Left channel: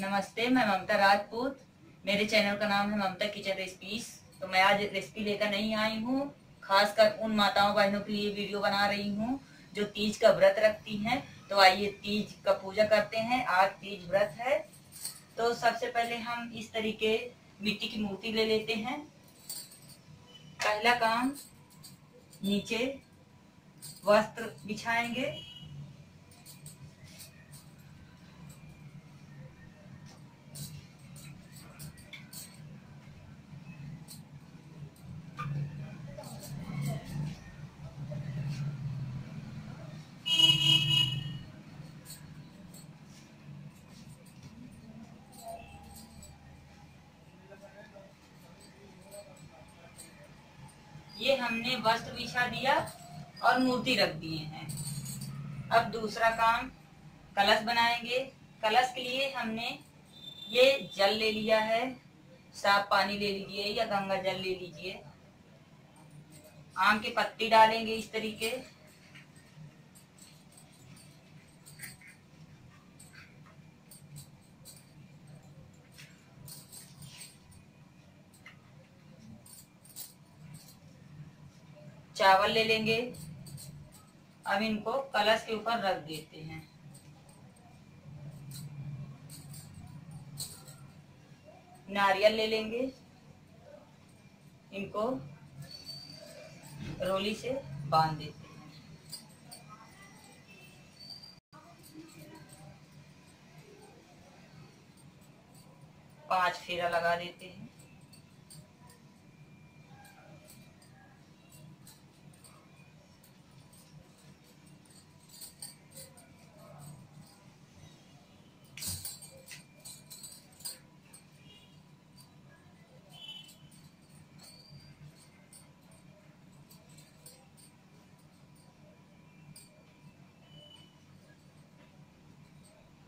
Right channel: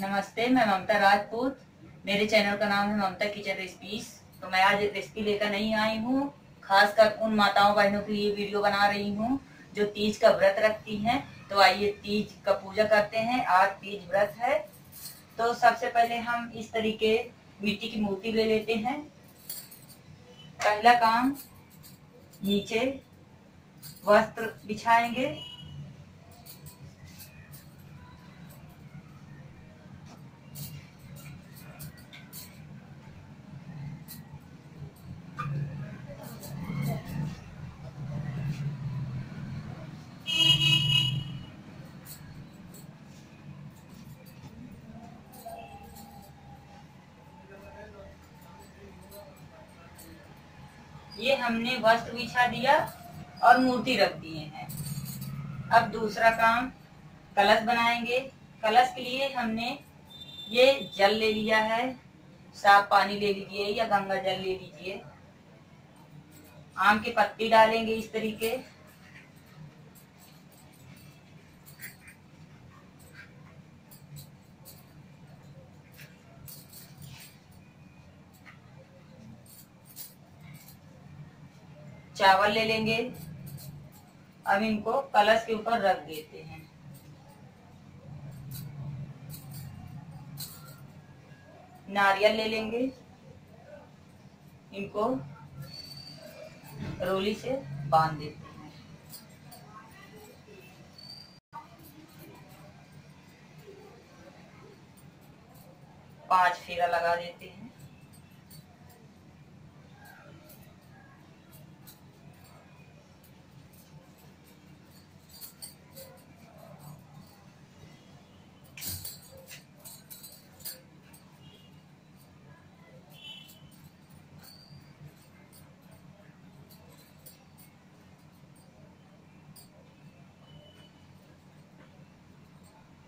नमस्ते, मैं ममता राजपूत। मेरे चैनल का नाम है ममता किचन रेसिपीज। तो मैं आज रेसिपी लेकर नहीं आई हूँ। खासकर उन माताओं बहनों के लिए वीडियो बना रही हूँ जो तीज का व्रत रखती हैं। तो आइए तीज का पूजा करते हैं। आज तीज व्रत है। तो सबसे पहले हम इस तरीके मिट्टी की मूर्ति ले लेते हैं। पहला काम, नीचे वस्त्र बिछाएंगे। ये हमने वस्त्र बिछा दिया और मूर्ति रख दिए हैं। अब दूसरा काम, कलश बनाएंगे। कलश के लिए हमने ये जल ले लिया है। साफ पानी ले लीजिए या गंगा जल ले लीजिए। आम की पत्ती डालेंगे इस तरीके। चावल ले लेंगे। अब इनको कलश के ऊपर रख देते हैं। नारियल ले लेंगे। इनको रोली से बांध देते हैं। पांच फेरा लगा देते हैं।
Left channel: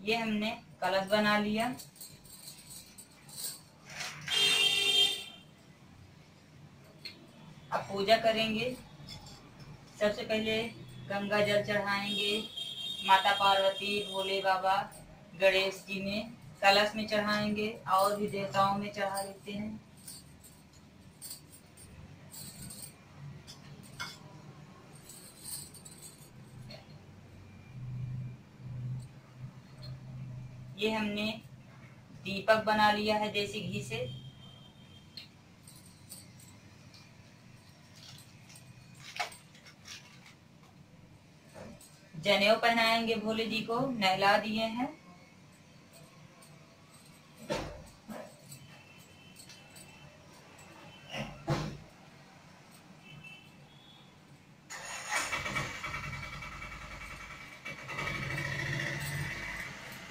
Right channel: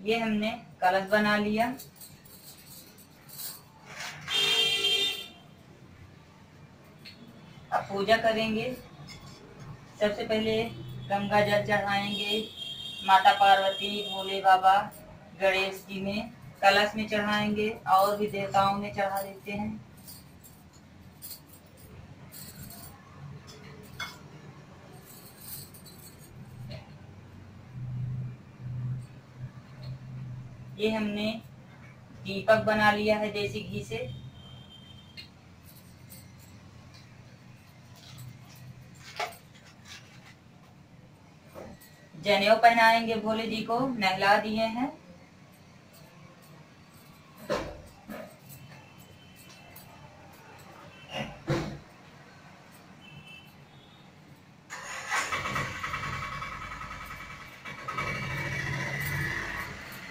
ये हमने कलश बना लिया। अब पूजा करेंगे। सबसे पहले गंगा जल चढ़ाएंगे। माता पार्वती, भोले बाबा, गणेश जी में कलश में चढ़ाएंगे और भी देवताओं में चढ़ा देते हैं। ये हमने दीपक बना लिया है देसी घी से। जनेऊ पहनाएंगे, भोले जी को नहला दिए हैं।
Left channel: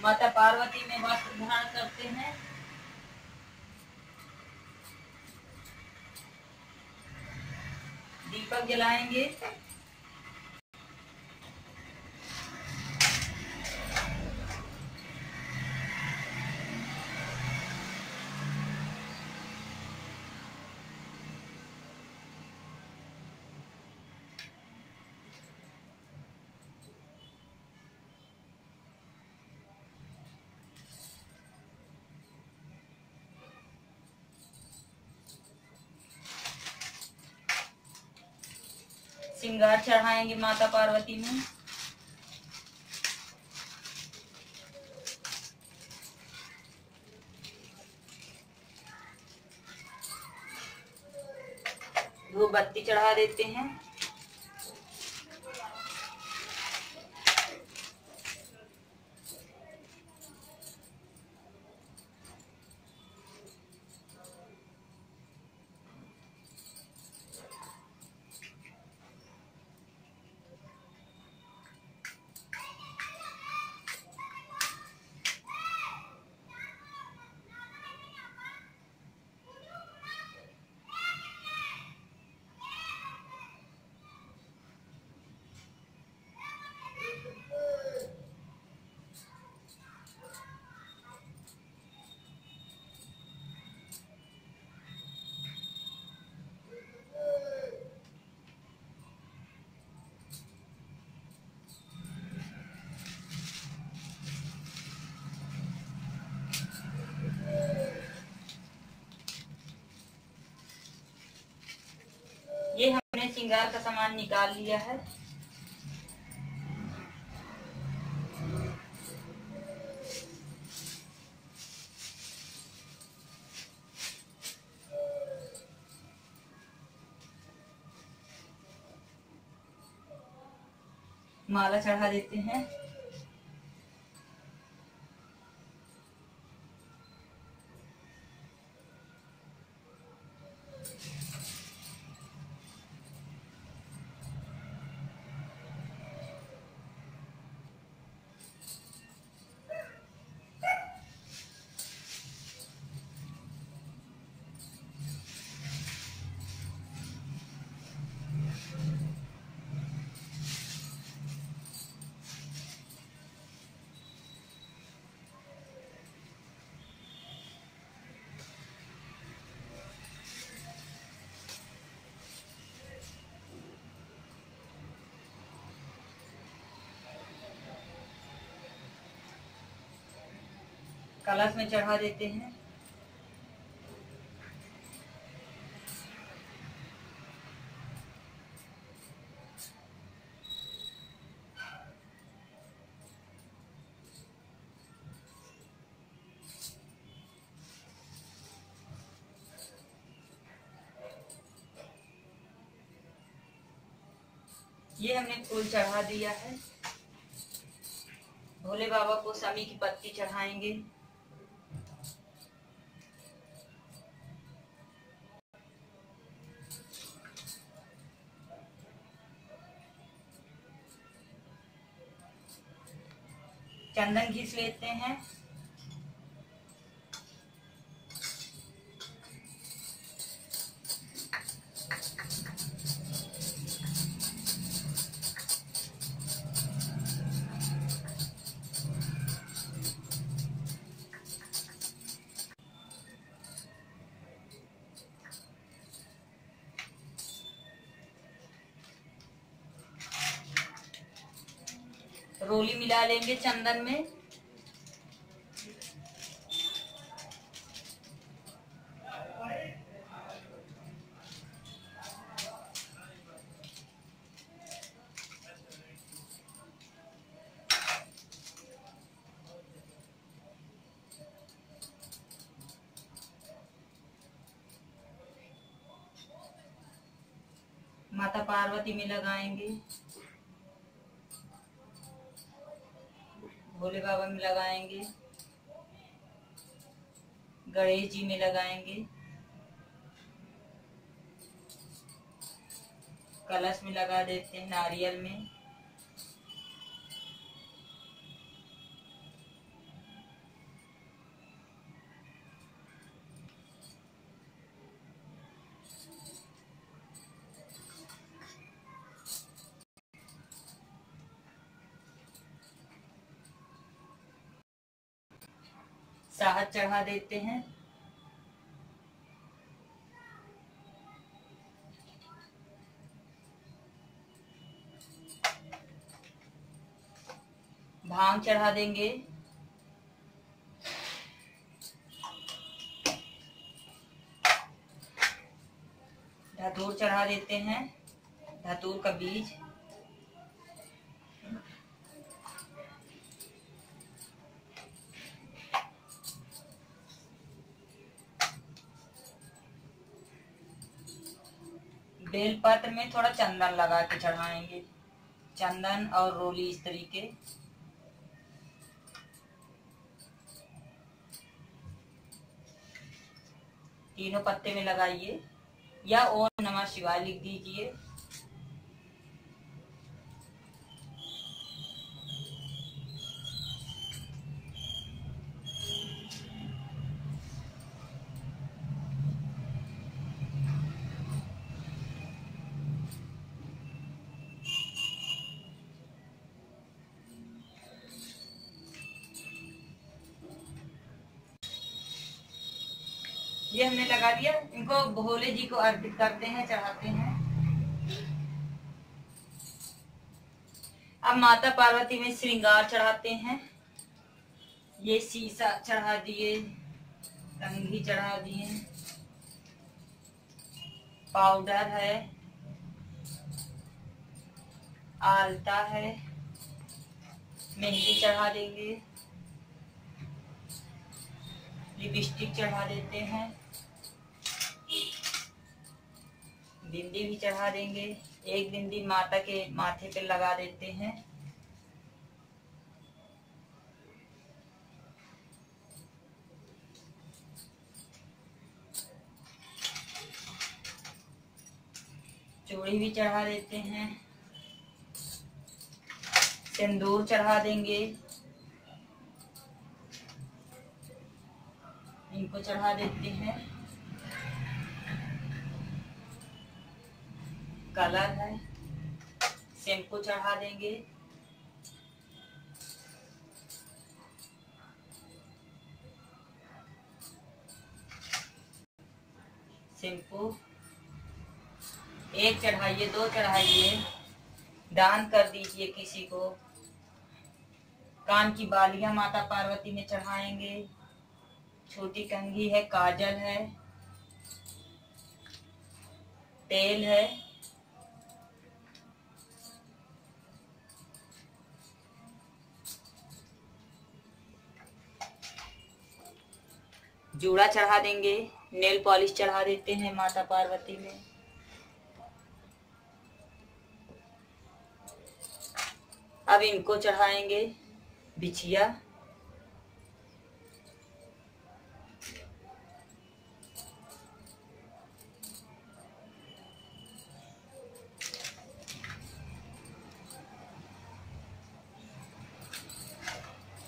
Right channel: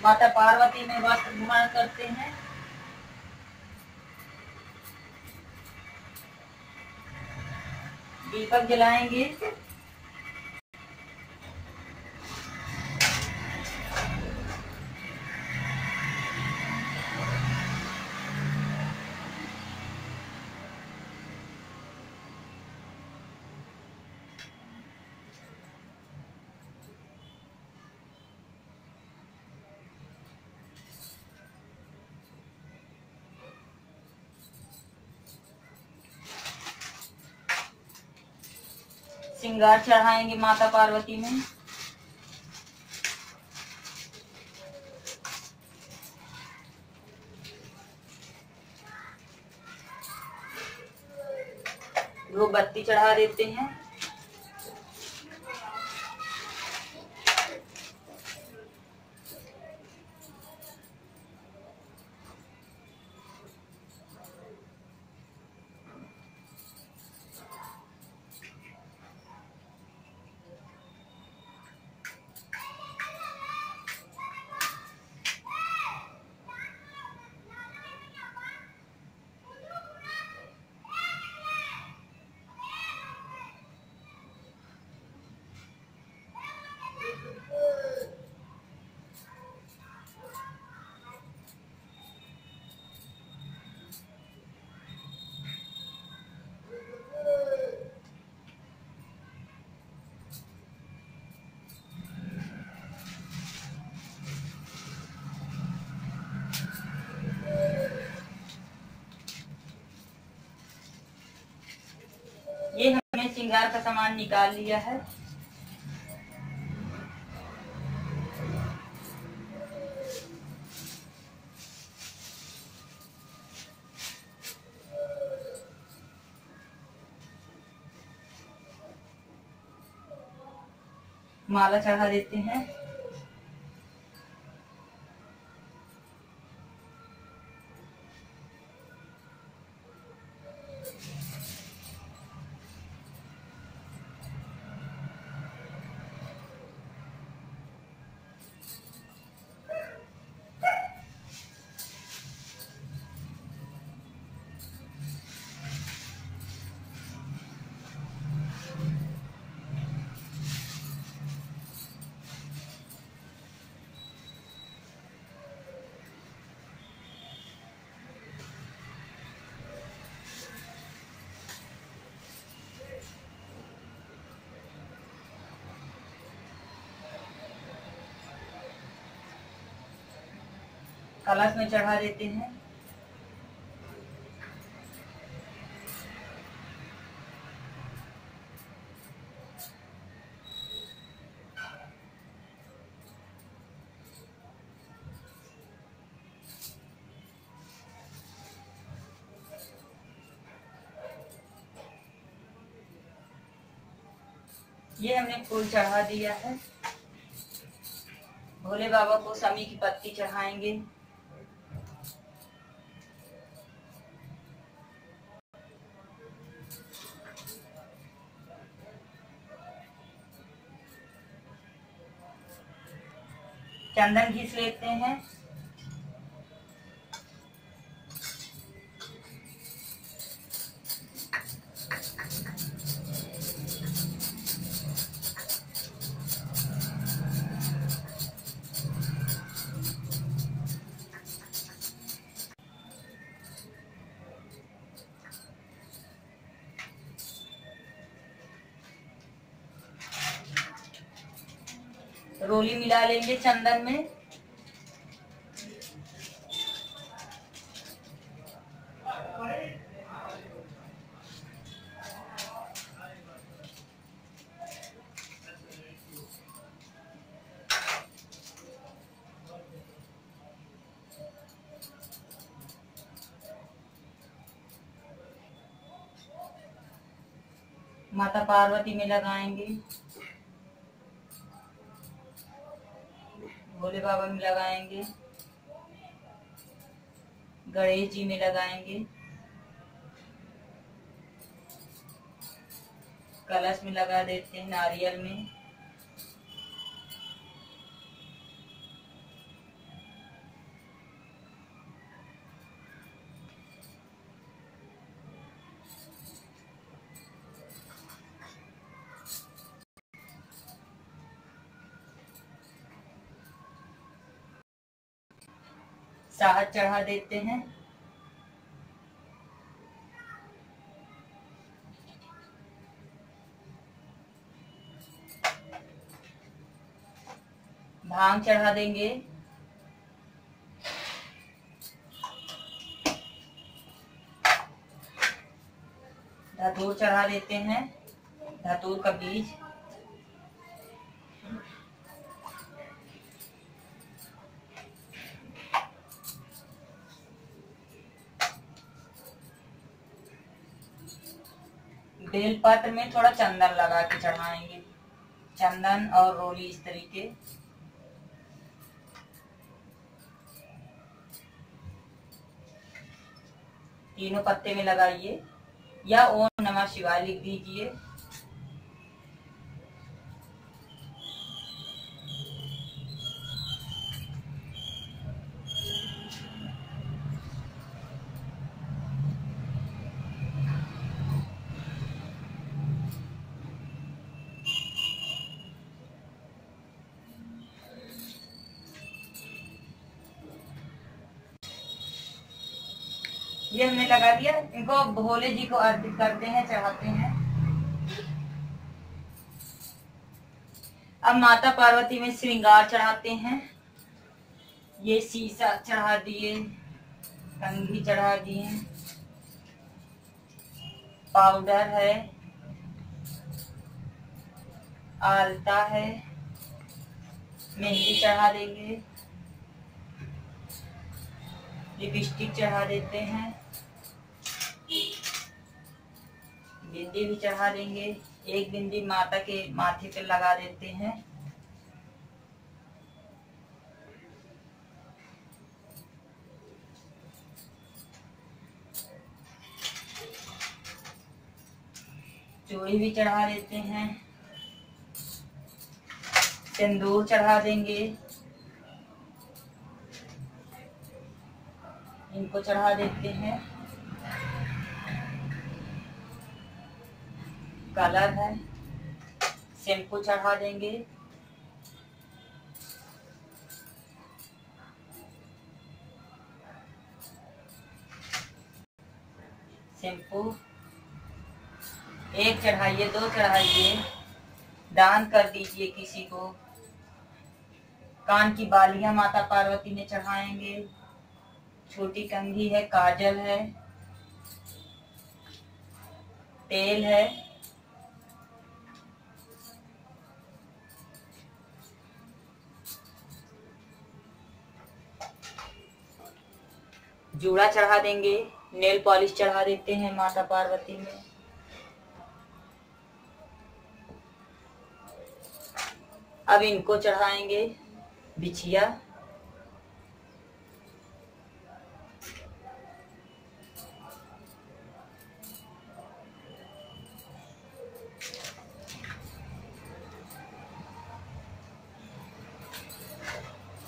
माता पार्वती में वस्त्र धारण करते हैं। दीपक जलाएंगे। श्रृंगार चढ़ाएंगे माता पार्वती में। धूप बत्ती चढ़ा देते हैं। हमने श्रृंगार का सामान निकाल लिया है। माला चढ़ा देते हैं। कलश में चढ़ा देते हैं। ये हमने फूल चढ़ा दिया है। भोले बाबा को समी की पत्ती चढ़ाएंगे। चंदन घिस लेते हैं। रोली मिला लेंगे चंदन में। माता पार्वती में लगाएंगे, भोले बाबा में लगाएंगे, गणेश जी में लगाएंगे, कलश में लगा देते हैं, नारियल में। शहद चढ़ा देते हैं। भांग चढ़ा देंगे। धतूर चढ़ा देते हैं, धतूर का बीज। बेलपत्र में थोड़ा चंदन लगा के चढ़ाएंगे, चंदन और रोली इस तरीके। तीनों पत्ते में लगाइए या ओम नमः शिवाय लिख दीजिए। ये हमने लगा दिया। इनको भोले जी को अर्पित करते हैं, चढ़ाते हैं। अब माता पार्वती में श्रृंगार चढ़ाते हैं। ये शीशा चढ़ा दिए, कंघी चढ़ा दिए, पाउडर है, आलता है, मेहंदी चढ़ा देंगे, लिपस्टिक चढ़ा देते हैं, बिंदी भी चढ़ा देंगे। एक बिंदी माता के माथे पे लगा देते हैं। चूड़ी भी चढ़ा देते हैं, सिंदूर चढ़ा देंगे, इनको चढ़ा देते हैं। कलर है, शैम्पू चढ़ा देंगे, शैम्पू एक चढ़ाइए, 2 चढ़ाइए, दान कर दीजिए किसी को। कान की बालियां माता पार्वती में चढ़ाएंगे, छोटी कंघी है, काजल है, तेल है, जूड़ा चढ़ा देंगे, नेल पॉलिश चढ़ा देते हैं माता पार्वती में। अब इनको चढ़ाएंगे, बिछिया,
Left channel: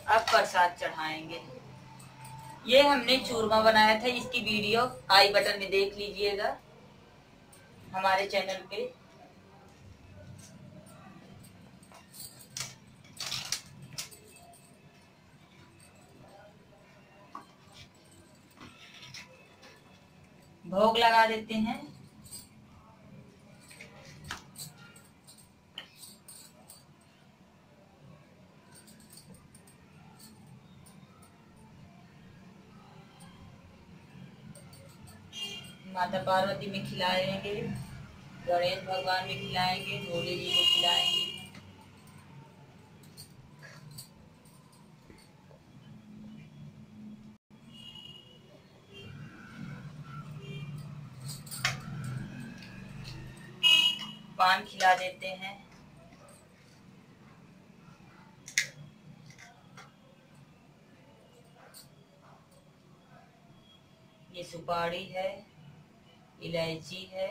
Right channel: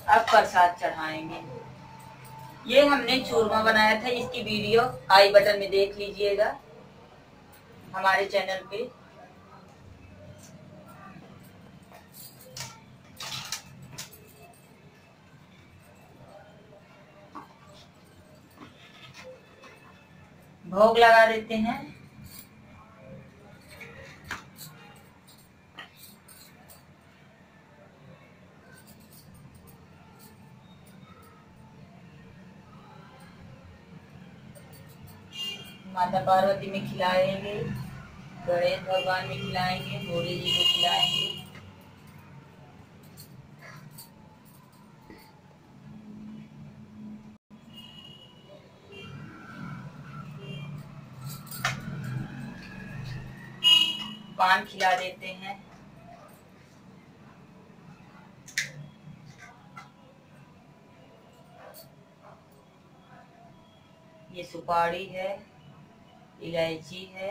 अब प्रसाद चढ़ाएंगे। ये हमने चूरमा बनाया था, इसकी वीडियो आई बटन में देख लीजिएगा हमारे चैनल पे। भोग लगा देते हैं। माता पार्वती में खिलाएंगे, गणेश भगवान में खिलाएंगे, भोले जी को खिलाएंगे। पान खिला देते हैं। ये सुपारी है, इलायची है,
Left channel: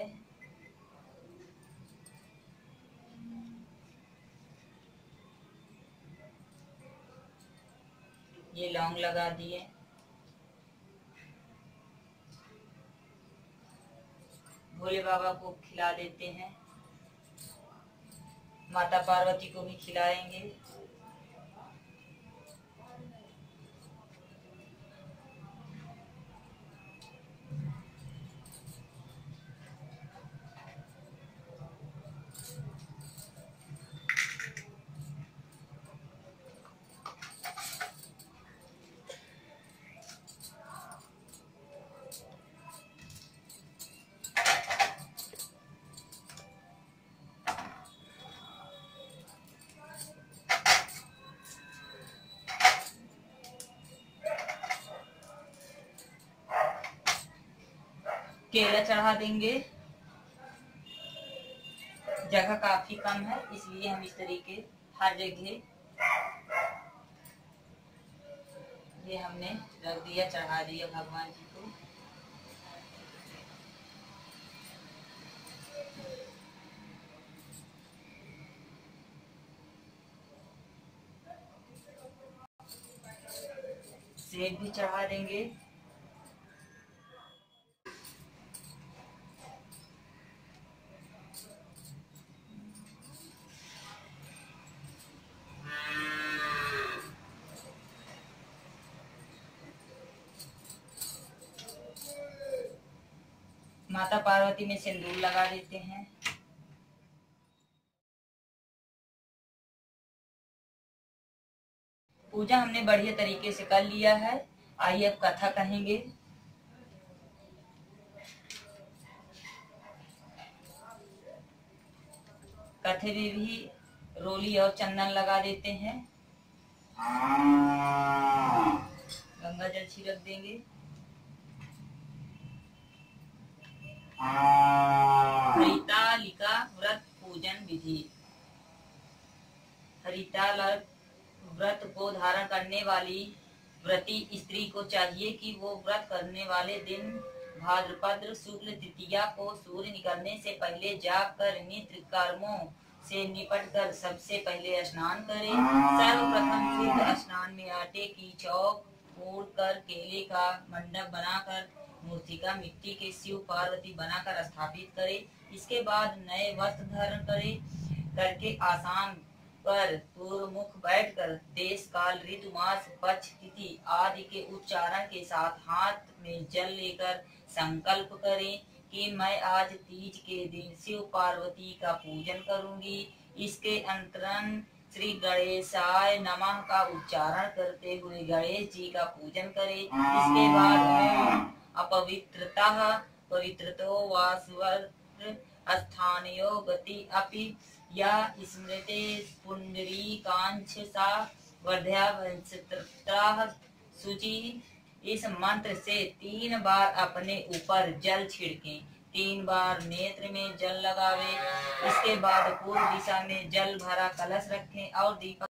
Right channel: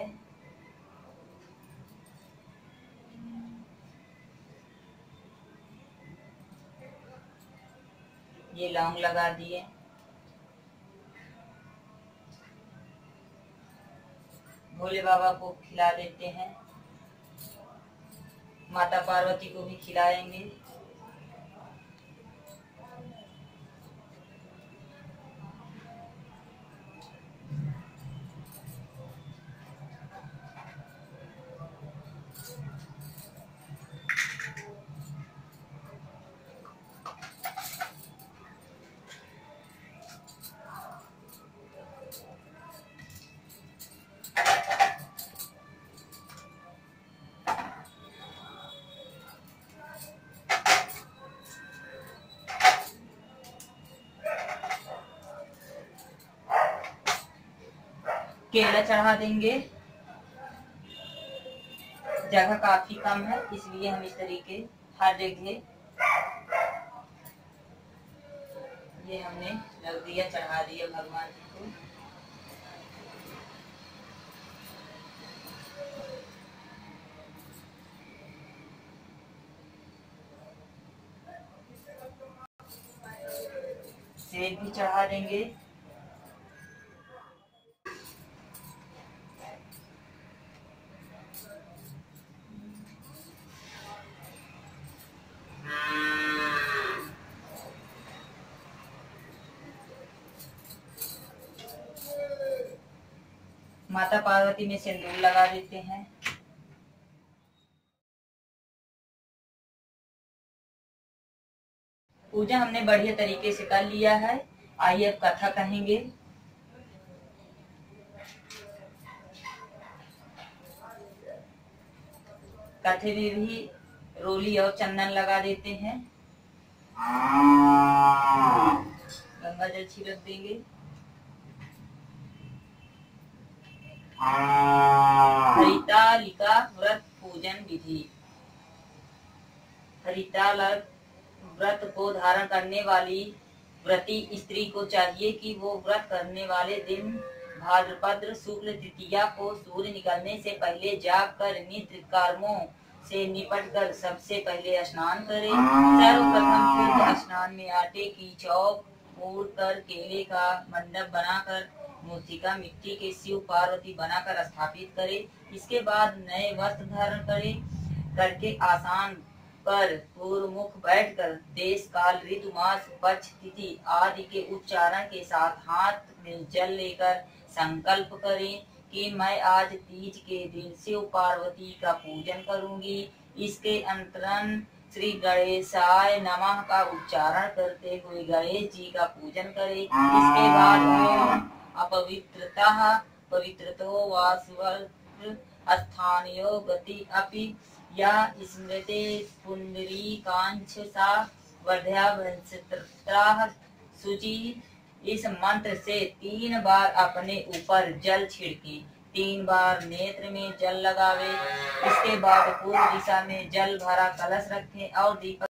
ये लौंग लगा दिए। भोले बाबा को खिला देते हैं, माता पार्वती को भी खिलाएंगे। केला चढ़ा देंगे। जगह काफी कम है, इसलिए हम इस तरीके हर जगह ये हमने रख दिया, चढ़ा दिया भगवान जी को। सेब भी चढ़ा देंगे। माता पार्वती में सिंदूर लगा देते हैं। पूजा हमने बढ़िया तरीके से कर लिया है। आइए अब कथा कहेंगे। कथे में भी रोली और चंदन लगा देते हैं। गंगा जल छिड़क देंगे। हरितालिका व्रत पूजन विधि। हरितालिका व्रत को धारण करने वाली व्रती स्त्री को चाहिए कि वो व्रत करने वाले दिन भाद्रपद शुक्ल तृतीया को सूर्य निकलने से पहले जागकर नित्य कर्मों से निपटकर सबसे पहले स्नान करे। सर्वप्रथम शुद्ध स्नान में आटे की चौक फोड़ कर केले का मंडप बनाकर मूर्तिका मिट्टी के शिव पार्वती बनाकर स्थापित करे। इसके बाद नए वस्त्र धारण करके आसान पर पूर्व मुख बैठकर देश काल ऋतु मास पक्ष तिथि आदि के उच्चारण के साथ हाथ में जल लेकर संकल्प करें कि मैं आज तीज के दिन शिव पार्वती का पूजन करूंगी। इसके अंतरन श्री गणेशाय नमः का उच्चारण करते हुए गणेश जी का पूजन करें। इसके बाद अपवित्रता पवित्रतो वास्वर स्थानयो गति अपि या स्मृते पुंडरी कांच सा वर्ध्या सूची। इस मंत्र से 3 बार अपने ऊपर जल छिड़के, 3 बार नेत्र में जल लगावे। इसके बाद पूर्व दिशा में जल भरा कलश रखें और दीपक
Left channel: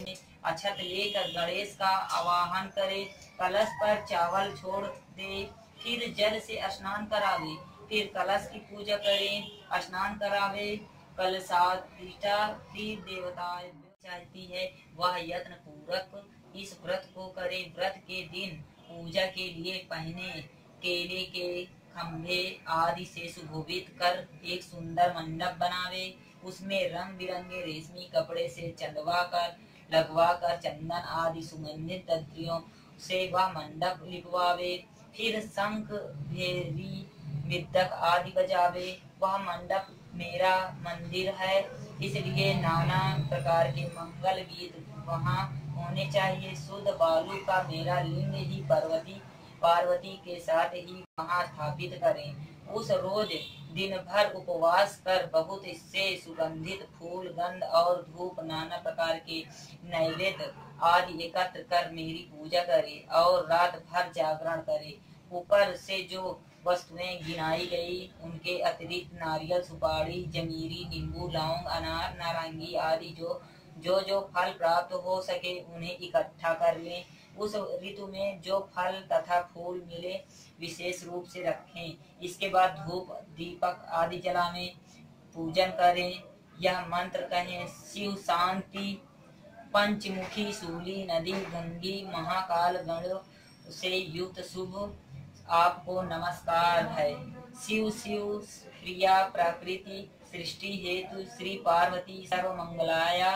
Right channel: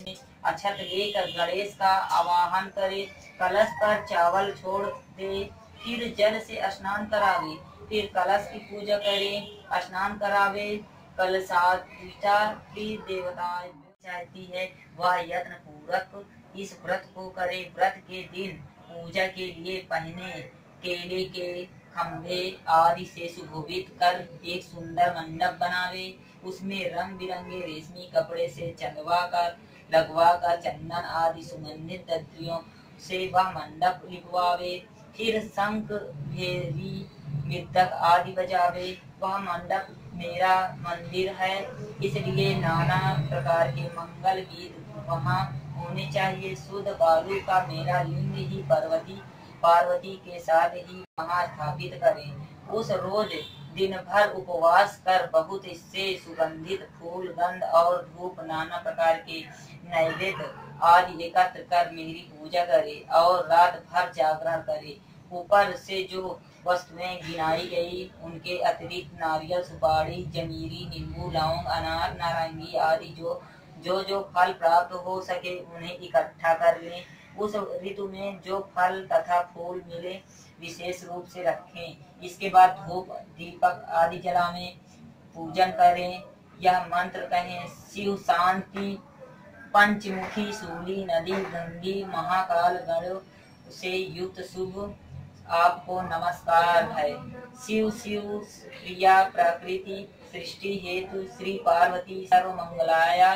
में अक्षत लेकर गणेश का आवाहन करे। कलश पर चावल छोड़ दे, फिर जल से स्नान करावे, फिर कलश की पूजा करें, स्नान करावे। कलशाधिष्ठा देवता चाहती है वह यत्न पूर्वक इस व्रत को करे। व्रत के दिन पूजा के लिए पहने केले के खम्भे आदि से सुशोभित कर एक सुंदर मंडप बनावे। उसमें रंग बिरंगे रेशमी कपड़े से लगवा कर चंदन आदि सुगंधित द्रव्यों से वह मंडप लिपवावे। फिर शंख भेरी मृदक आदि बजावे। वह मंडप मेरा मंदिर है, इसलिए नाना प्रकार के मंगल गीत वहाँ होने चाहिए। शुद्ध बालू का मेरा लिंग ही पार्वती के साथ ही वहाँ स्थापित करें। उस रोज दिन भर उपवास कर बहुत से सुगंधित फूल गंध और धूप नाना प्रकार के नैवेद्य आदि एकत्र कर मेरी पूजा करे और रात भर जागरण करे। ऊपर से जो वस्तुएं गिनाई गई उनके अतिरिक्त नारियल सुपारी जमीरी नींबू लौंग अनार नारंगी आदि जो फल प्राप्त हो सके उन्हें इकट्ठा कर लें। उस ऋतु में जो फल तथा फूल मिले विशेष रूप से रखें। इसके बाद धूप दीपक आदि जलावें, पूजन करें। यह मंत्र कहें, शिव शांति पंचमुखी शूली नदी गंगी महाकाल गण से युक्त शुभ आपको नमस्कार है। शिव प्रिया प्रकृति सृष्टि हेतु श्री पार्वती सर्वमंगलाया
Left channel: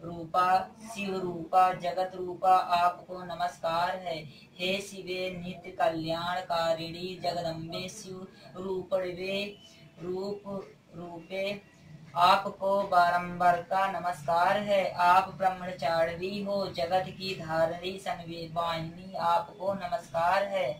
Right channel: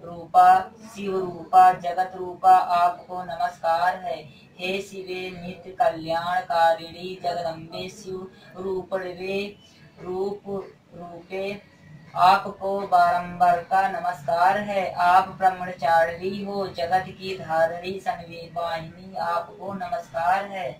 रूपा शिव रूपा जगत रूपा आपको नमस्कार है। हे शिवे नित्य कल्याणकारिणी जगदम्बे शिव रूपे आपको बारंबार का नमस्कार है। आप ब्रह्मचारिणी हो, जगत की धारणी संवेदवाहिनी आपको नमस्कार है।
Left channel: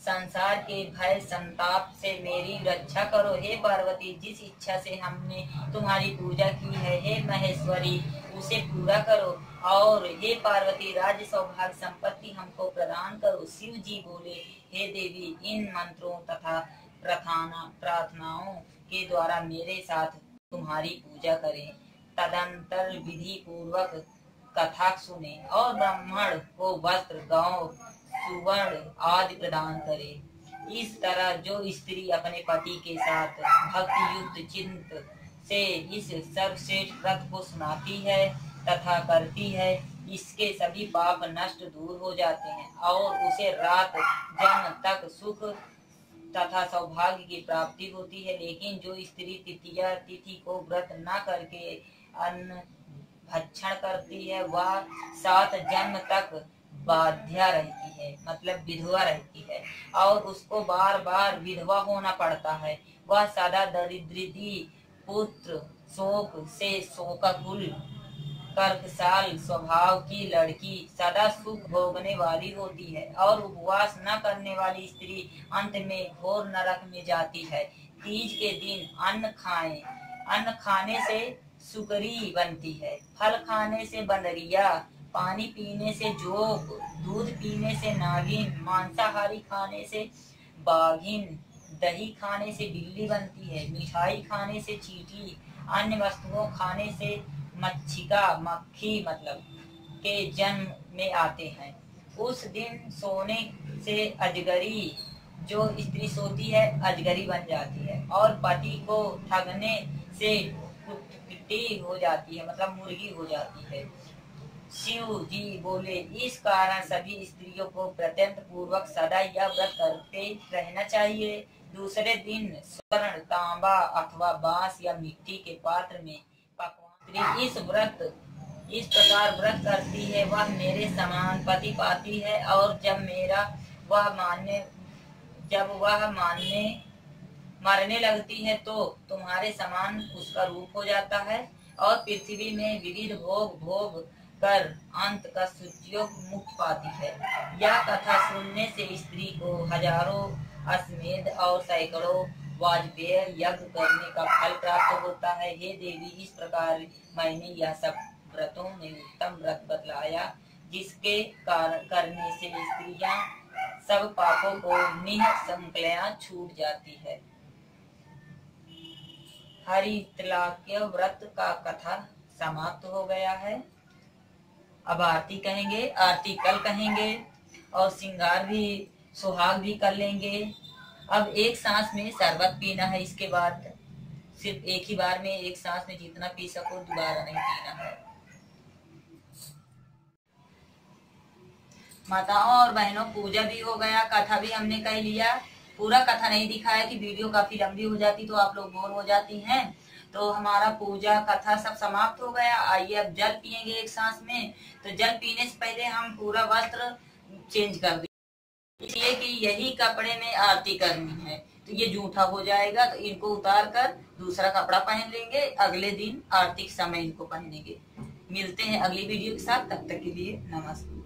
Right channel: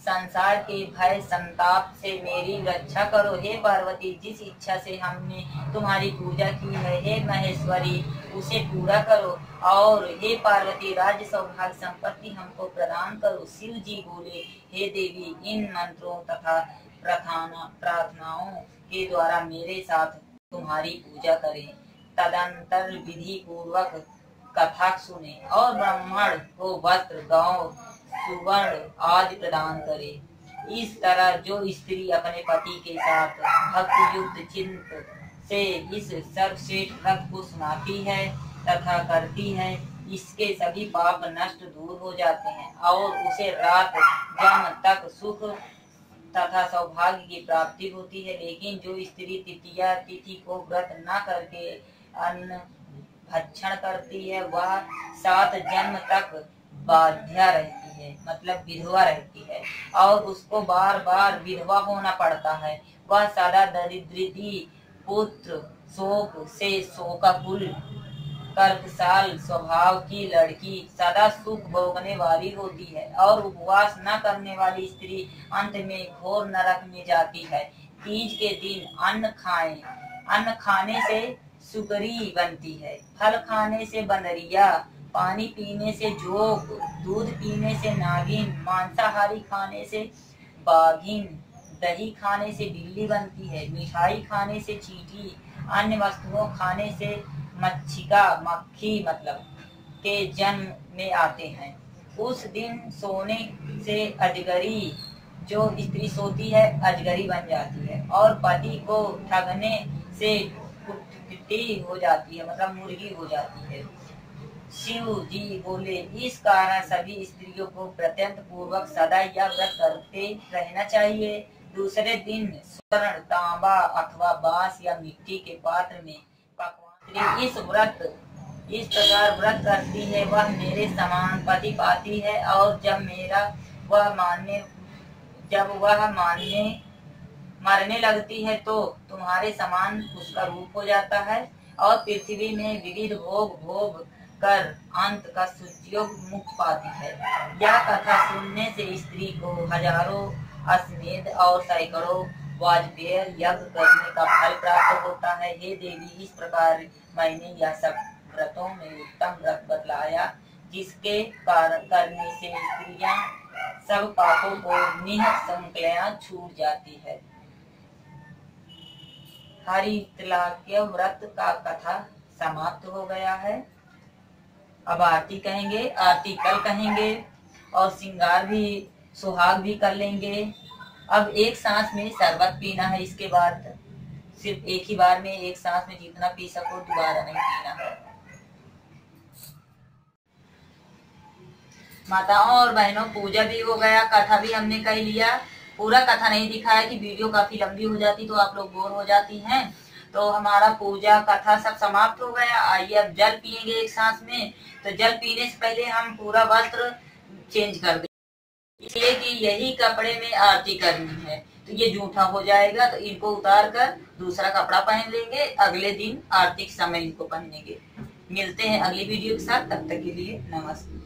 संसार के भय संताप से मेरी रक्षा करो। हे पार्वती, जिस इच्छा से हमने तुम्हारी पूजा की है हे महेश्वरी उसे पूरा करो। और हे पार्वती, राज्य सौभाग्य संपत्ति हमको प्रदान करो। शिव जी बोले, हे देवी, इन मंत्रों तथा प्रार्थनाओं के द्वारा मेरे साथ तुम्हारी पूजा करें। तदंतर विधि पूर्वक कथा सुने और ब्राह्मण को वस्त्र गांव सुवर्ण आदि प्रदान करे। इस तरह जो स्त्री अपने पति के साथ भक्ति युक्त चिंत से इस सर्वश्रेष्ठ व्रत को सुनाती है तथा करती है, इसके सभी पाप नष्ट दूर हो जाते हैं और उसे रात जन्म तक सुख तथा सौभाग्य की प्राप्ति होती है। लेकिन जो स्त्री तृतीया तिथि को व्रत न करके अन्न भक्षण करती है वह 7 जन्म तक बाध्या रहती है, मतलब विधवा रहती है और उसको बार बार विधवा होना पड़ता है। वह सदा दरिद्री पुत्र शोक से शोकाकुल कर्कशाल स्वभाव की लड़की सदा सुख भोगने वाली होती है और उपवास न करने वाली स्त्री अंत में घोर नरक में जाती है। तीज के दिन अन्न खाएं। अन्न खाने से सुकरी बनती है, फल खाने से बंदरिया, पानी पीने से जोग, दूध पीने से नागिन, मांसाहारी खाने से बाघिन, दही खाने से बिल्ली बनती है, मिठाई खाने से चींटी, अन्य वस्तुओं खाने से मच्छिका मक्खी मतलब के जन्म में आते हैं। उस दिन सोने से अजगरी, जो स्त्री सोती है अजगरी बन जाती है, और पति को ठगने से कुत्ती हो जाती है मतलब मुर्गी हो जाती है। शिव जी बोले, इस कारण सभी स्त्रियों को प्रत्यंत पूर्वक सदा यह व्रत करते रहना चाहिए। दूसरे दिन स्वर्ण, तांबा अथवा बांस या मिट्टी के पात्र में पकवान इस प्रकार व्रत करती है, वह मेरे समान पति पाती है, और जब वह मरने लगती है तो तुम्हारे समान उसका रूप हो जाता है, और पृथ्वी में विविध भोग कर अंत का सुखयोग मुक्त पाती है। यह कथा सुनने से स्त्री को हजारों अश्वमेध और सैकड़ों वाजपेय यज्ञ करने का फल प्राप्त होता है। हे देवी, इस प्रकार मैंने यह सब व्रतों में उत्तम व्रत बतलाया, जिसके करने से स्त्रियां सब पापों को निःसंकलया छूट जाती है। हरितलाक्य व्रत का कथा समाप्त हो गया है। अब आरती कहेंगे, आरती कल कहेंगे, और श्रृंगार भी सुहाग भी कर लेंगे। अब एक सांस में शरबत पीना है, इसके बाद सिर्फ एक ही बार में एक सांस में जितना पी सको, दोबारा नहीं पीना है। माताओं और बहनों, पूजा भी हो गया, कथा भी हमने कह लिया। पूरा कथा नहीं दिखाया कि वीडियो काफी लंबी हो जाती तो आप लोग बोर हो जाती हैं। तो हमारा पूजा कथा सब समाप्त हो गया। आइए अब जल पिएंगे एक सांस में। तो जल पीने से पहले हम पूरा वस्त्र चेंज कर देंगे, इसलिए कि यही कपड़े में आरती करनी है, तो ये जूठा हो जाएगा, तो इनको उतार कर दूसरा कपड़ा पहन लेंगे। अगले दिन आरती के समय इनको पहनेंगे। मिलते हैं अगली वीडियो के साथ, तब तक के लिए नमस्कार।